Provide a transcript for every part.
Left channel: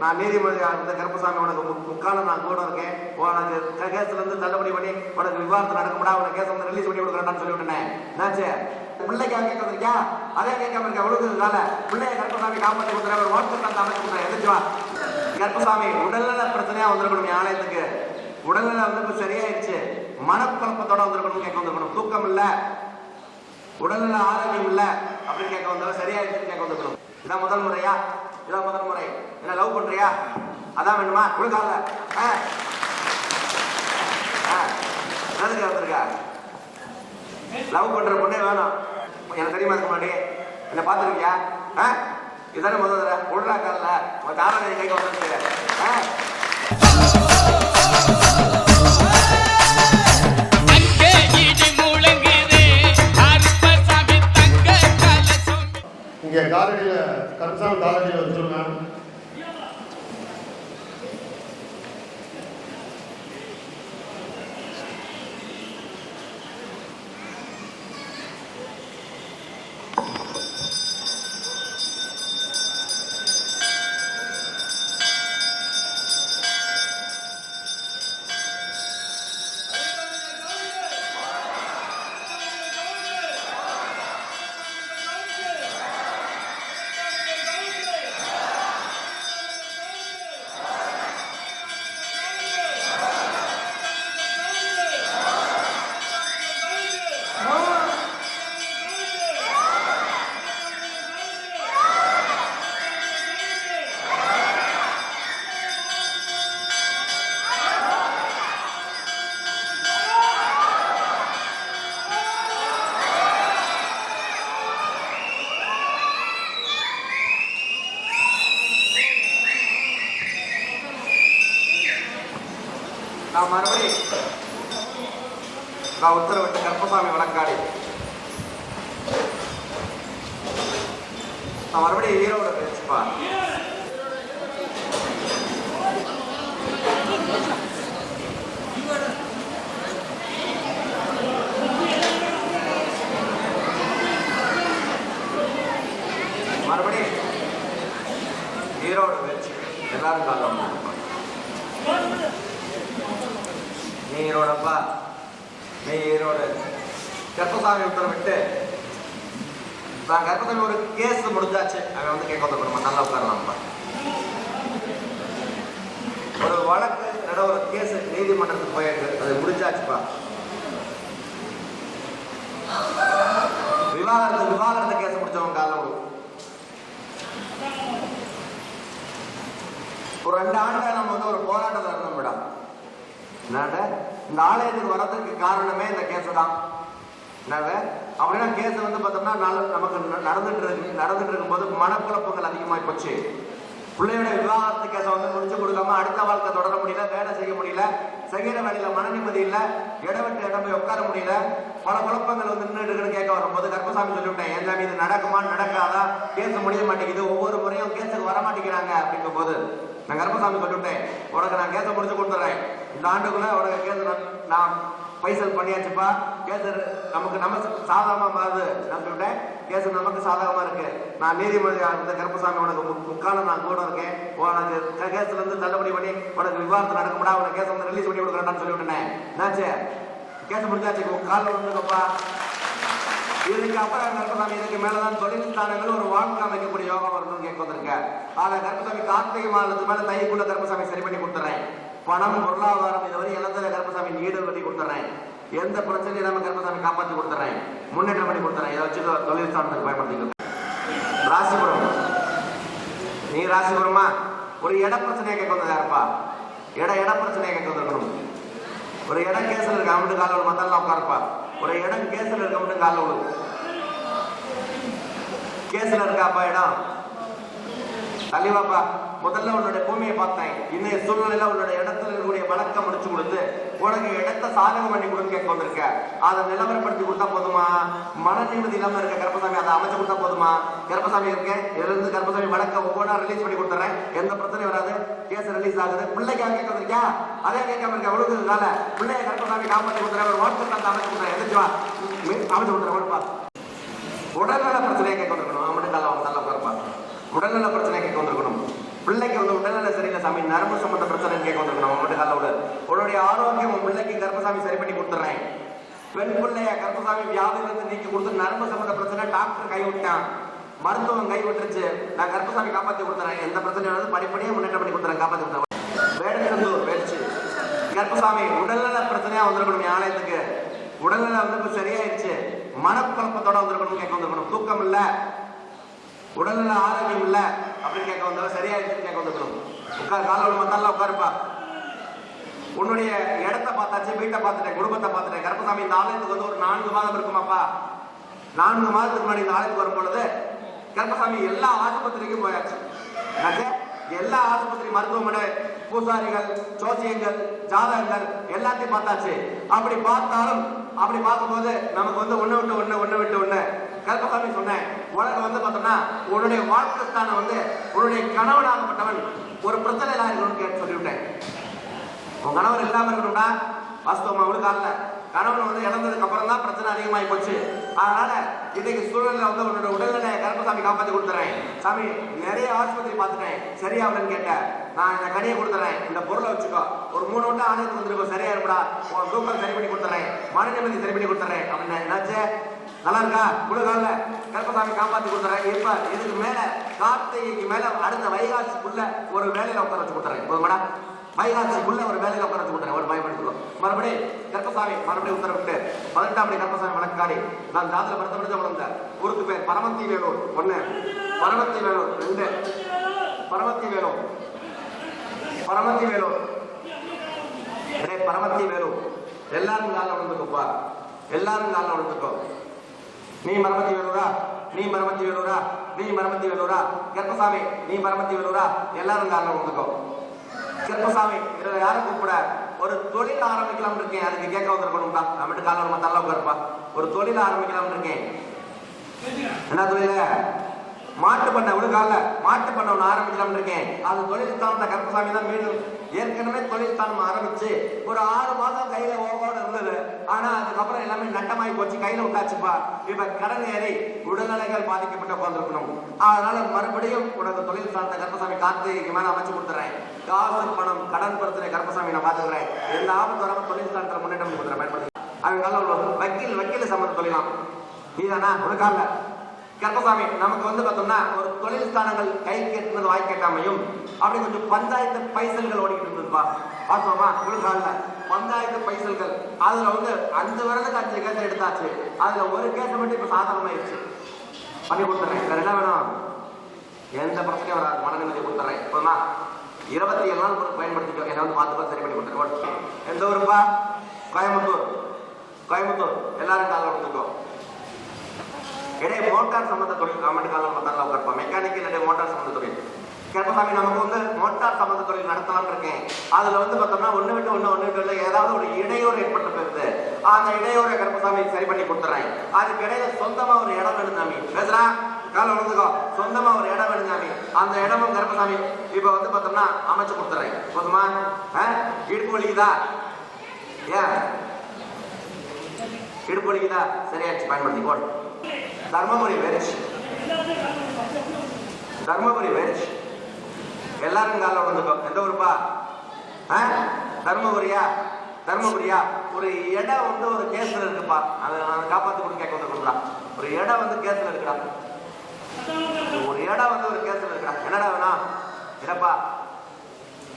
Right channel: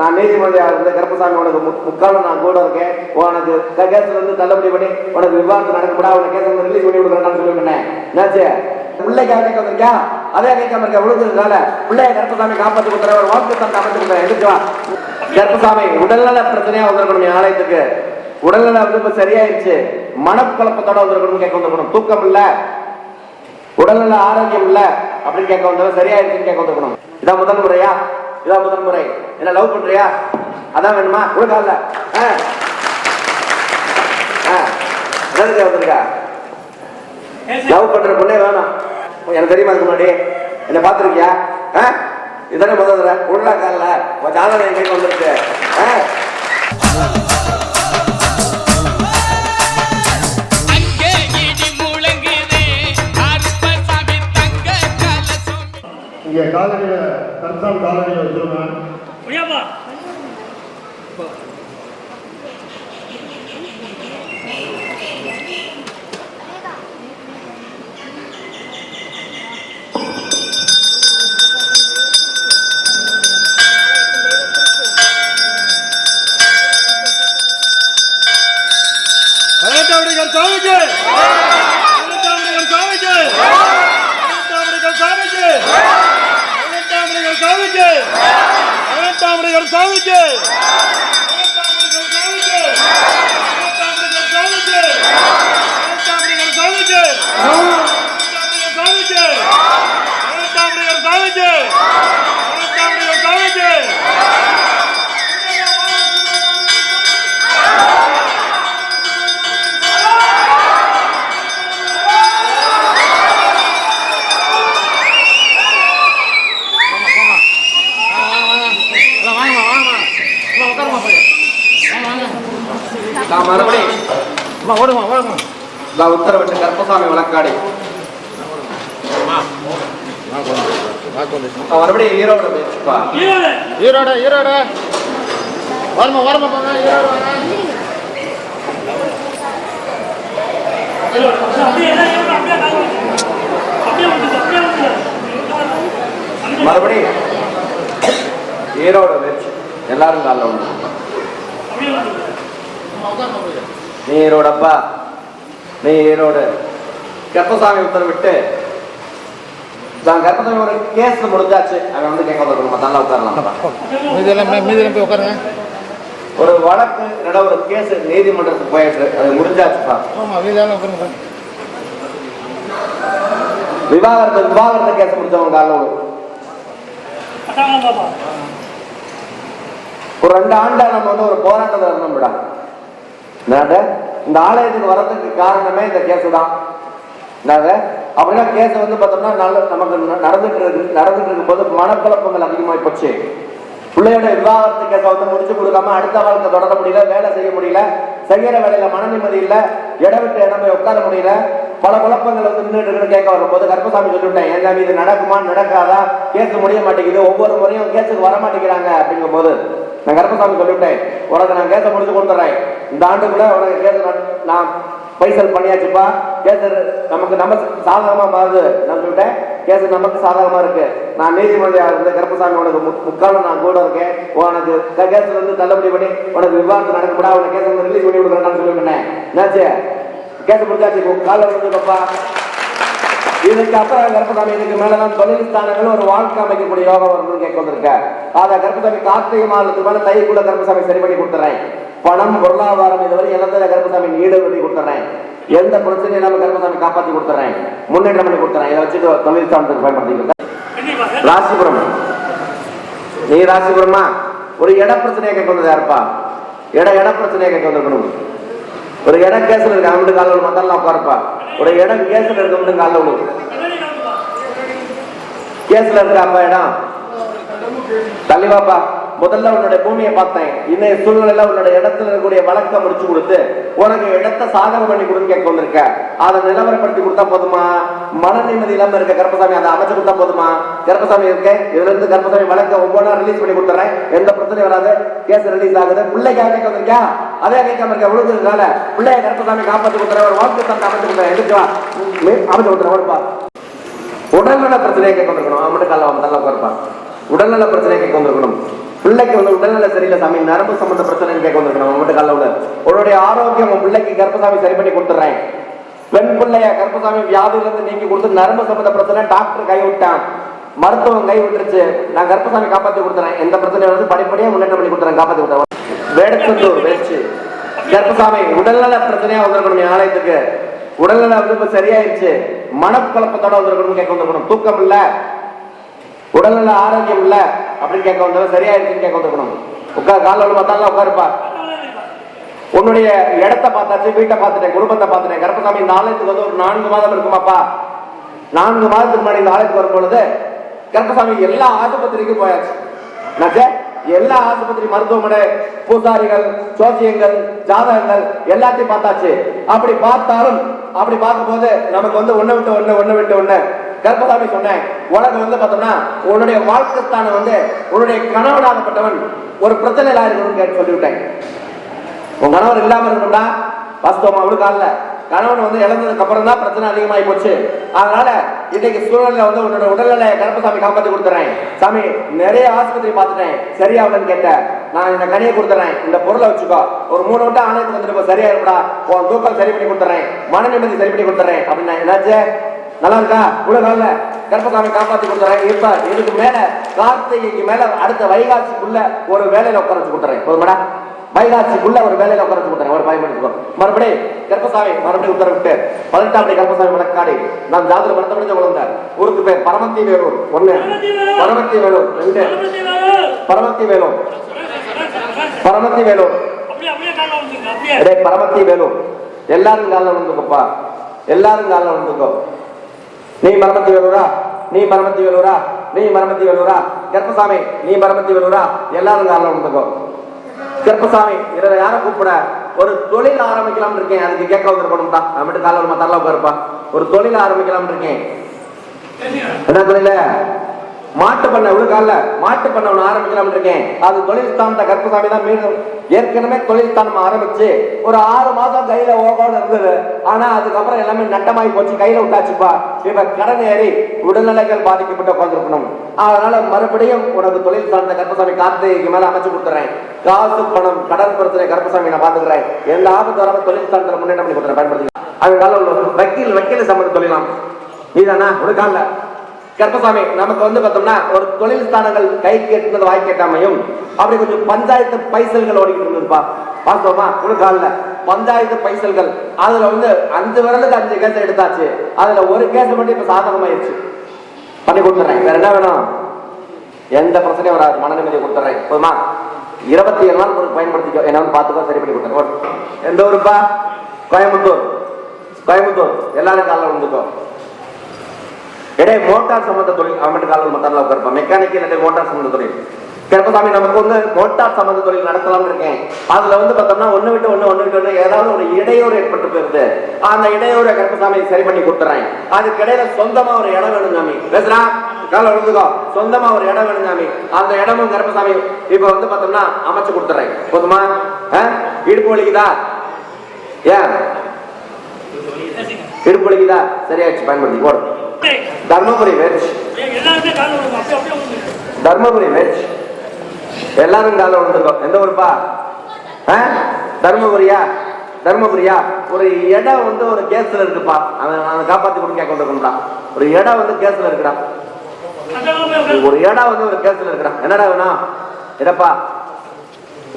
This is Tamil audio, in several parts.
நான் நீதிமன்றியா இருந்து கருப்பசாமி உனக்கு முக்காலும் நான் கூட இருக்கேன், உனக்கு கேஸ்ல இருந்து தள்ளுபடி பண்ணி உனக்கு விவாதம் நடக்கப்படா, உனக்கு கேஸ் வந்து ரிலீஸ் பண்ணி விடுறேன்னு சொல்லிவிட்டேன். என்னாச்சு? பிள்ளைக்காக கேட்க வந்திருக்கியா? அதே கேட்காம இருக்க விழுந்ததுனால பிள்ளைய கருப்பசாமி காப்பாற்றி கொடுக்குற ஒரு வாழ்க்கை தந்தை அமைச்சு கொடுக்குறேன். எதுக்குவா கருப்பசாமி உடல்நல பிரச்சனையா வந்திருக்கணும் ஆலயத்துக்கு. உடல்நல வந்து இப்ப சரியாயிருச்சு, மனக்குழப்பத்தோட வந்திருக்கணும் கேட்க வந்திருக்கணும். தூக்கம் இல்ல, உடல்நல ஆரோக்கியம் இல்ல அப்படின்னு கேட்க வந்தவங்க சரியாயிருச்சுன்னு கேட்க வந்திருக்கணும். இதான் முதல் முறையா? இதான் முதல் முறை. என்ன லவ் பண்றியா? அதான் வேணுமா? கொடுக்கல வந்திருக்கா? லவ் பண்ற பொண்ணே வேணும். எனக்கு தெரியுமா? அதுக்கு முன்னாடி என்ன பாத்துருக்கியா? இதானே முதல் தடவை உள்ள கால ஜாதகம் கேட்க வந்திருக்கு. இங்க காலடியில கருசாமி காலடியில வச்சிருந்தேன். உத்தரவிட்டு கருப்பசாமி வழக்காடி மறுபடியும் ஈரோடு பேசுப்பா. ஈரோடு ஈரோடு வரமா வரமா ஈரோடு மறுபடியும் ஈரோடு பேச்சு. எல்லாரும் கால நீ ஈரோடப்பா, நீ ஈரோடு. கருப்பசாமி உத்தரவிட்டு கருப்பசாமி ஒரு கேஸ் முடிஞ்சாச்சு. அவன் வந்து கேட்க வந்துருக்கணும். நல்லா உட்காரலாம். ஒரு வழக்கு ஒரு கேஸ் நீதிமன்றத்துக்கு போயிட்டு அது முடிஞ்சாச்சுப்பா. விவாகரத்து கேஸ் முடிஞ்சவங்க காலம் ஒரு 2 ஆண்டா நம்ம வந்து ஒரு போராட்டத்தை இருந்தோம் விடா. இந்த ஆலயத்துக்கு வர்றதுக்கு காரணமே இந்த கேஸ் தான். அப்படின்னா கேஸ் வந்து பார்த்தோம்னா நமக்கு நடந்துட்டு இருக்கும்போது மனக்குழப்பங்கள் அதிகமாகி போச்சு. பிள்ளையோட விவாகரத்து கேஸை வந்து முடிச்சு கொடுக்காம அடுத்த வாழ்க்கை தொடர முடியல, வேலை செய்ய முடியல, செய்யற வேலையில மன நிம்மதி இல்ல, இடம் விட்டு இடமே உட்கார முடியல, பல குழப்பங்கள் வந்து நின்றுட்டு கேட்க வரும்போது கருப்பசாமி சொல்லிவிட்டேன், ஏன்னா இது நடக்குமா நடக்காதா, கேஸ் முடிய மாட்டேங்குது, ஒவ்வொரு முறையும் கேஸுக்கு வர மாட்டேங்கிறாங்க அப்படிங்கும் போது நான் கருப்பசாமி சொல்லிவிட்டேன், உனக்கு நான் கேஸை முடிச்சு கொடுத்துறேன், இந்த ஆண்டுக்குள்ள உனக்கு கேஸ் நான் பைசல் பண்ணியாச்சுப்பா, கேஸ் நமக்கு சாதகமா மாறுது. நான் சொல்லிட்டேன், கேஸ் நமக்கு சாதகமா இருக்கு, நான் நீதிமன்றியா இருந்து கருப்பசாமி உனக்கு முக்காலும் நான் கூட இருக்கேன், உனக்கு கேஸ்ல இருந்து தள்ளுபடி பண்ணி உனக்கு விவாதம் நடக்கப்படா, உனக்கு கேஸ் வந்து ரிலீஸ் பண்ணி விடுறேன்னு சொல்லிவிட்டேன். என்னாச்சு? கேஸ் முடிஞ்சாச்சு, கால வந்துப்பா. இதுக்கு அப்புறம் கருப்பசாமி இதுக்கு மேலதான் தொழில் ஸ்தானங்கள் ஒரு வாழ்க்கை அமைக்கக்கூடிய யோகம் வரணும்னு கேட்க வந்திருக்க. அத கருப்பசாமி கார்த்திகை மாதத்துக்கு மேல தைக்குள்ள கருப்பசாமி சரி பண்ணி கொடுத்துறேன். பணம் பொருளாதாரம் இதுவரை இழந்தத கருப்பசாமி நீடு பண்ணி கொடுத்துறேன். எந்த பிரச்சனையும் இல்லாம கருப்பசாமி காப்பாற்றி கொடுத்துறேன், முன்னேற்றம் பண்ணி கொடுத்துறேன். இதை வச்சுட்டு தொழில் ஸ்தானத்துக்கு பயன்படுத்திக்க. ராசிபுரம், நீ ராசிபுரமா? ஒரு இட பிரச்சனையை கேட்க வந்தது யாருப்பா? இட பிரச்சனையை கேட்க வந்திருக்கணும். ஒரு இடம் கேஸ்ல இருக்கு, அவங்களுக்கு கால விடு, மத்தெல்லாம் உட்காருப்பா. ஒரு இடம் கேஸ்ல இருக்கவங்களுக்கு கால விடு. கேஸ்ல இருக்காப்பா இடம், தள்ளிவாப்பா. முதல்ல உன்னுடைய பூமியை பார்த்தேன், இன்னைய சூழ்நிலையில உன்னுடைய இடத்துல இருக்கக்கூடிய வழக்க முடிச்சு கொடுத்து உனக்கு இடத்தை சாதகம் பண்ணி கொடுத்து கேட்க வந்திருக்க. அதை நிலவரப்படுத்தி கொடுத்தா போதுமா? மன நிம்மதி இல்லாம இருக்க கருப்பசாமி அதை அமைச்சு கொடுத்தா போதுமா? கருப்பசாமி இருக்கேன், இதுல இருந்து கருப்பசாமி வழக்க ஒவ்வொன்றா ரிலீஸ் பண்ணி கொடுத்துறேன், எந்த பிரச்சனையும் வராது, கேஸ் ரிலீஸ் ஆகுது. பிள்ளைக்காக கேட்க வந்திருக்கியா? அதே கேட்காம இருக்க விழுந்ததுனால பிள்ளைய கருப்பசாமி காப்பாற்றி கொடுத்துற ஒரு வாழ்க்கை தந்தை அமைச்சு கொடுத்துறேன். எதுக்குவா அமைச்சு கொடுத்துறேன். உடல்நல பிரச்சனையை கேட்க வந்திருக்கணும். அவன் மட்டும் கால நல்லா உட்காருப்பா. உடல்நல பிரச்சனையை கேட்க வந்திருக்கணும். பிள்ளைக்கு வந்து உடல்நிலை சரியில்லை சாமி, நரம்பு சம்பந்த பிரச்சனைன்னு கேட்க வந்துருக்கணும். உங்கள்கிட்ட காலைல உள்ள உன்னுடைய ஆரோக்கியம் உன் பிள்ளைக்கு கர்ப்பசாமி சரி பண்ணி கொடுத்துறேன். பெண் பிள்ளைய கர்ப்பசாமி வியாதியில இருந்து நீக்கி கொடுத்து நரம்பு சம்பந்த பிரச்சனை டாக்டர் கை விட்டான், மருத்துவம் கை விட்டுருச்சு. நான் கர்ப்பசாமி காப்பாத்தி கொடுத்துறேன். எந்த பிரச்சனையும் வந்து படிப்படியா முன்னேற்றம் பண்ணி கொடுத்துறேன், காப்பாத்தி கொடுத்தேன். வேடத்தூர் வச்சு கர்ப்பசாமி உடல்நல பிரச்சனையா வந்திருக்கணும் ஆலயத்துக்கு. உடல்நல வந்து இப்ப சரியாயிருச்சு, மனக்குழப்பத்தோட வந்திருக்கணும் கேட்க வந்திருக்கணும். தூக்கம் இல்ல, உடல்நல ஆரோக்கியம் இல்ல அப்படின்னு கேட்க வந்தவங்க சரியாயிருச்சுன்னு கேட்க வந்திருக்கணும். உட்கார் காலையில் பார்த்தாலும் உட்காருப்பா. உன்னுடைய இடத்தை பார்த்தாச்சு, வீட்டை பார்த்துட்டேன், குடும்பத்தை பார்த்துட்டேன். கர்ப்பசாமி இந்த ஆலயத்துக்கு வந்து ஒரு 4 மாதம் இருக்குமாப்பா. 4 மாதத்துக்கு முன்னாடி இந்த ஆலயத்துக்கு வரும் பொழுது கர்ப்பசாமி எல்லா ஆஸ்பத்திரிக்கும் போயாச்சு. எல்லா ஆஸ்பத்திரி, மருத்துவமனை, பூசாரிகள், ஜோசியங்கள், ஜாதகங்கள் எல்லாத்தையும் பார்த்தாச்சு. அப்படி பார்த்தாலும் அப்படி பார்க்கும்போது நமக்கு வந்து ஒண்ணு விட்டு ஒண்ணு கர்ப்பசாமி சொன்னேன். உனக்கு வந்து பார்த்தோம்னா உன்னுடைய வாழ்க்கைத்தான வந்து உன்னுடைய கணவனாகப்பட்டவன் ஒரு பிரச்சனையில இருக்கணும்னு சொல்லிவிட்டேன். உன் கணவர் இல்லாம இருக்கணும்டா வாஸ்தவமா அவளுக்கு கணவன் வந்து இழந்ததுக்கு அப்புறம் தான் பிரச்சனை அதிகமாகி போச்சு. அதனால இன்னைக்கு சூழ்நிலை வந்து உன்னோட உடல்நிலை கர்ப்பசாமி காப்பாத்தி கொடுத்துறேன். சாமி நிறைய ஆஸ்பத்திரி பார்த்துட்டேன், சரியாவலன்னு கேட்டேன். நான் இந்த கனியை கொடுத்துறேன், இந்த பொருளை வச்சுக்கோ, ஒரு 3 வட்டம் ஆலயத்துக்கு வந்துட்டு சரியா இருப்பா, உன் தூக்கம் சரி பண்ணி கொடுத்துறேன், மன நிம்மதி சரி பண்ணி கொடுத்துறேன் அப்படின்னு. என்னாச்சு, நல்லா இருக்கா? உலகால கர்ப்பசாமி காப்பாத்தி கொடுத்துறேன். இப்ப இதுக்கு மேல கார்த்திகைக்கு மேல அடுத்த வைகாசிக்குள்ள ஒரு வேலையில உட்கார வச்சு கொடுத்துறேன். ஒரு மேடம் வைகாசிக்குள்ள ஒரு வேலையில உட்கார வச்சு கொடுத்துறேன். ஒரு 5 மணிக்கு மறுபடியும் கர்ப்பசாமி மறுபடியும் உத்தரவிட்டு 18 கர்ப்பசாமி மலக்காடி நான் ஜாதகம் மனத்தை முடிஞ்ச உழந்த ஊருக்கு பேர் பரமத்தி வேலூர் 1, பரமத்தி வேலூர் 2, பரமத்தி வேலூர், பரமத்தி வேலூர், பரமத்தி வேலூர். எல்லாரும் காலில் வந்துக்கப்பா, எல்லாரும் காலில் வந்துக்கோ. நீ மரமத்தி வேலூரா, நீ மரமத்தி வேலூரா, நீ மரமத்தி வேலூரா, கர்ப்பசாமி நீ மரமத்தி வேலூரா, எல்லாரும் காலில் வந்துக்கோ. கர்ப்பசாமி இதுல யாரும் கூப்பிட ஒரு தொழில் ஆரம்பிக்கலாம் இருக்கேன், அதுக்கு கேட்க வந்திருக்கணும்டா. நான் மட்டும் காலையில் மத்தாலாம் உட்காருப்பா. ஒரு தொழில் ஆரம்பிக்கலாம் இருக்கேன். என்ன தொழில? மாட்டு பண்ண ஒரு கால மாட்டு பண்ண ஒண்ணு ஆரம்பிக்கலாம் இருக்கேன். அது தொழில் ஸ்தானத்தை கர்ப்பசாமி தான் மீண்டும் ஏற்கனவே தொழில் ஸ்தானம் ஆரம்பிச்சு ஒரு 6 மாதம் கையில ஓகோட இருந்தது. ஆனா அதுக்கப்புறம் எல்லாமே நட்டமாகி போச்சு, கையில விட்டாச்சுப்பா. இப்ப கடன் ஏறி உடல்நிலைகள் பாதிக்கப்பட்டு உட்காந்துருக்கணும். அதனால மறுபடியும் உனக்கு தொழில் ஸ்தானத்தை கர்ப்பசாமி கார்த்திகைக்கு மேல அமைச்சு கொடுத்துறேன். காசு பணம் கடன் பிரச்சனை கர்ப்பசாமி நான் பாத்துக்கிறேன். எந்த ஆபத்து வராம தொழில் ஸ்தானத்துல முன்னேற்றம் பண்ணி கொடுத்துறேன். பயன்படுத்தி அது காலம் வக்கீல் சம்பந்தம் தொழிலாம் நீதானா ஒரு கால கர்ப்பசாமி நமக்கு வந்து பார்த்தோம்னா ஒரு தொழில் ஸ்தானங்கள் கை கேட்டது வாய் கேட்டாமையும் அப்படி கொஞ்சம் பஞ்சாயத்து பைசல்கள் ஓடிக்கிட்டு இருப்பா. பார்த்தோமா ஒரு காலில் பஞ்சாயத்து பைசல்கள் அதுல வந்து 5 விரலுக்கு 5 கேஸ் எடுத்தாச்சு. அதுல ஒரு கேஸ் மட்டும் இப்ப சாதகமாயிருச்சு, பண்ணி கொடுத்துறேன். வேற என்ன வேணும்? எந்த பிரச்சனையும் வராது, மன நிம்மதியை கொடுத்துறேன். போதுமா? 27 நாள் உங்களுக்கு பயன்படுத்திக்கோ. என்ன வந்து பார்த்துக்கோ, சரி பண்ணி கொடுத்துறேன். எந்த ஊருப்பா? கோயம்புத்தூர். கோயம்புத்தூர் எல்லாரும் காலில் வந்துக்கோ. மோட்டார் சம்பந்த தொழில் அவன் காலம் மத்தால உட்காருப்பா. மெக்கானிக்கல் மோட்டார் சம்பந்த தொழில் கர்ப்பசாமி நமக்கு வந்து மோட்டார் சம்பந்த தொழில் நடத்தலாம் இருக்கேன். அதுல வந்து பார்த்தோம்னா ஒண்ணு விட்டு ஒண்ணு ஏதாவது ஒரு இடையூறு ஏற்பட்டு போயிருக்கு. அந்த இடையூரை கர்ப்பசாமி சரி பண்ணி கொடுத்துறேன். அதுக்கு இடையில சொந்தமா ஒரு இடம் வேணும் சாமி. பேசுறான் கால விழுந்துக்கோ. சொந்தமா ஒரு இடம் வேணும் சாமி. அந்த இடமும் கர்ப்பசாமி இப்ப வந்து பார்த்தோம்னா அமைச்சு கொடுத்துறேன். போதுமா? இடுப்பு வலிக்குதா? ஏன் இடுப்பு வலிக்குதா? சரியாச்சு, பயன்படுத்தி போடு. தர்மபுரி வெஜ், தர்மபுரி வெஜ் எல்லாரும் கால விழுந்துருக்கோம். எந்த ஊருப்பா? தர்மபுரியா? தர்மபுரியா? ஒரு இடம் வந்து ஒரு கேஸ்ல இருக்குப்பா. அதை காப்பாத்தி கொடுக்க கேட்க வந்துருக்கா. ஒரு இடம் வந்து கேஸ்ல இருக்குடா. ஒரு இடம் வந்து ஒரு கேஸ்ல இருக்குடா. என்னடா வேணும்? இடப்பா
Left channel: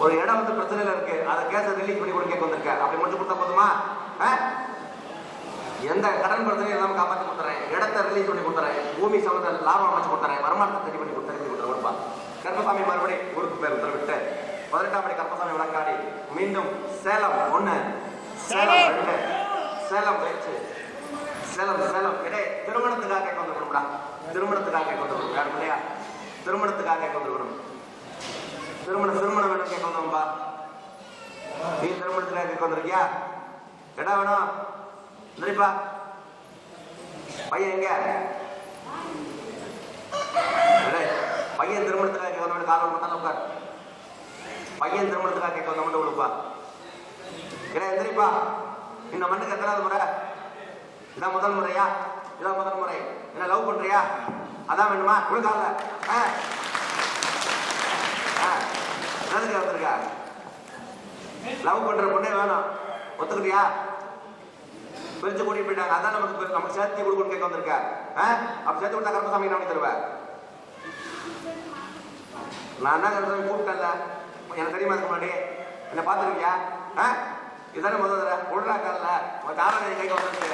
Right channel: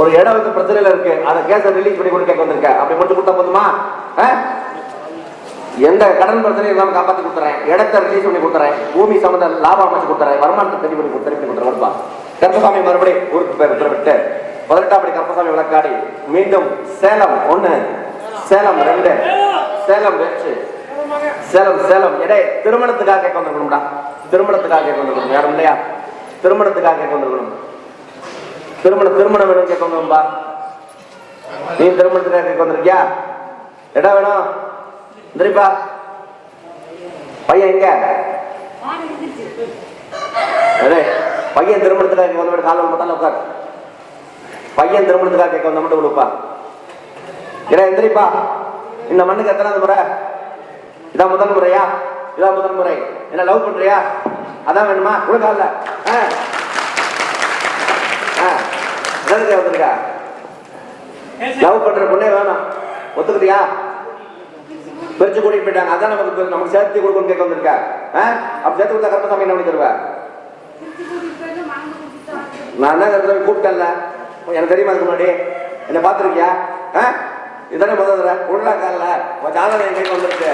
ஒரு இடம் வந்து பிரச்சனையில இருக்கு, அதை கேஸை ரிலீஸ் பண்ணி கொண்டு கேட்க வந்திருக்க. அப்படி மட்டும் கொடுத்தா போதுமா? எந்த கடன் பிரச்சனையும் இல்லாம காப்பாத்தி கொடுத்துறேன். இடத்தை ரிலீஸ் பண்ணி கொடுத்துறேன். பூமி சம்பந்த லாபம் அமைச்சு கொடுத்துறேன். வருமானத்தை தெரிய பண்ணி கொடுத்துறேன். கர்ப்பசாமி மறுபடியும் ஊருக்கு பேர் உத்தரவிட்டு 18 கர்ப்பசாமி விளக்காடி மீண்டும் சேலம் 1, சேலம் 2, சேலம் 2, சேலம் இடை திருமணத்துக்காக கேட்க வந்திருக்கணும்டா. திருமணத்துக்காக கேட்க வந்திருக்கணும். யாரும் இல்லையா? திருமணத்துக்காக கேட்க வந்திருக்கணும். திருமணம் வேணும் கேட்க வந்தோம்பா. நீ திருமணத்துக்காக கேட்க வந்திருக்கியா? இடம் வேணும் தெரியுப்பா. பையன் எங்க? பையன் திருமணத்துக்காக வந்து கால மட்டும் உட்கார். பையன் திருமணத்துக்காக கேட்க வந்த மட்டும் கொடுப்பா. எந்திரிப்பா. இந்த மண்ணுக்கு எத்தனாவது முறை? இதான் முதல் முறையா? இதான் முதல் முறை. என்ன லவ் பண்றியா? அதான் வேணுமா? கொடுக்கால என்னதுக்கு வந்திருக்கா? லவ் பண்ற பொண்ணே வேணும், ஒத்துக்கிறியா? பிரிச்சு கூட்டிட்டு போயிட்டாங்க, அதான் நமக்கு சேர்த்து கொடுக்கணும் கேட்க வந்திருக்கா. அப்ப சேர்த்து கொடுத்தா கருப்பசாமி என்ன பண்ணி தருவா? நான் என்ன கருப்பசாமி கூப்பிட்டேன்ல, எனக்கு தெரியுமா அதுக்கு முன்னாடி? என்ன பார்த்துருக்கியா? இதானே முதல்ல உள்ளா கால ஜாதகம் என் கைக்கு வந்துருக்கு.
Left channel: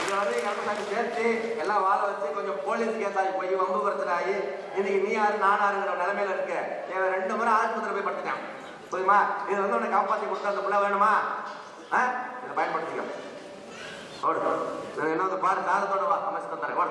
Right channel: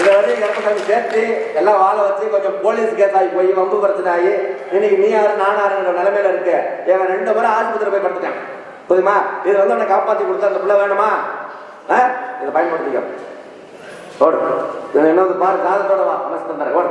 இதை வந்து கருப்பசாமி சேர்த்து எல்லாம் வாழ வச்சு கொஞ்சம் போலீஸ் கேஸ் ஆகி போய் வம்பு பிரச்சனை ஆகி இன்னைக்கு நீ யாரு நான் யாருங்கிற நிலைமையில இருக்கு. இவன் 2 பேரும் ஆஸ்பத்திரி போய் படுத்துட்டான். புரியுமா? இதை வந்து அவனை காப்பாற்றி கொடுத்தா அந்த பிள்ளை வேணுமா? இதை பயன்படுத்திக்க. ஓடு, இன்னொரு பாரு, காலத்தோட வா, மனசு தந்தாரு. ஓடு.